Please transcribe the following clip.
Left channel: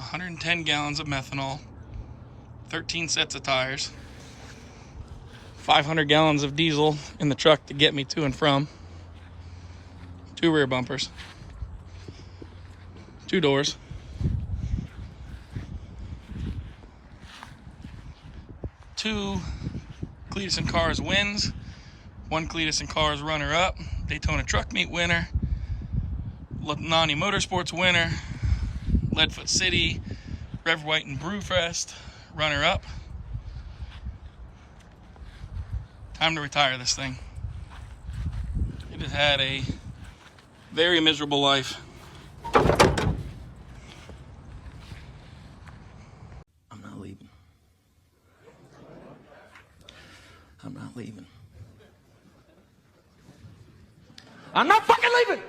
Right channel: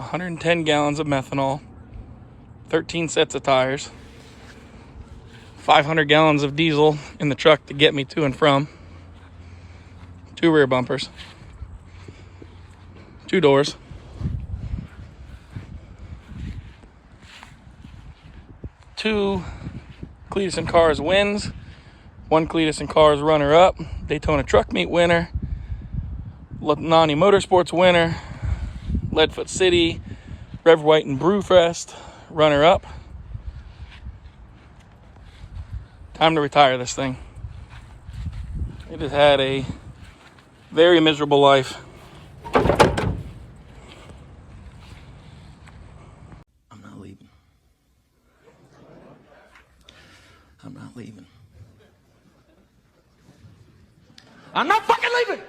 110 gallons of methanol, 13 sets of tires, 500 gallons of diesel in the truck to get me to and from, 2 rear bumpers, 2 doors, 2 Cletus and Cars wins, 1 Cletus and Cars runner-up, Daytona Truck Meet winner, Nani Motorsports winner, Leadfoot City, Rev White and Brewfest runner-up. Time to retire this thing. It has had a very miserable life. I'm not leaving. I'm not leaving. I'm not fucking leaving!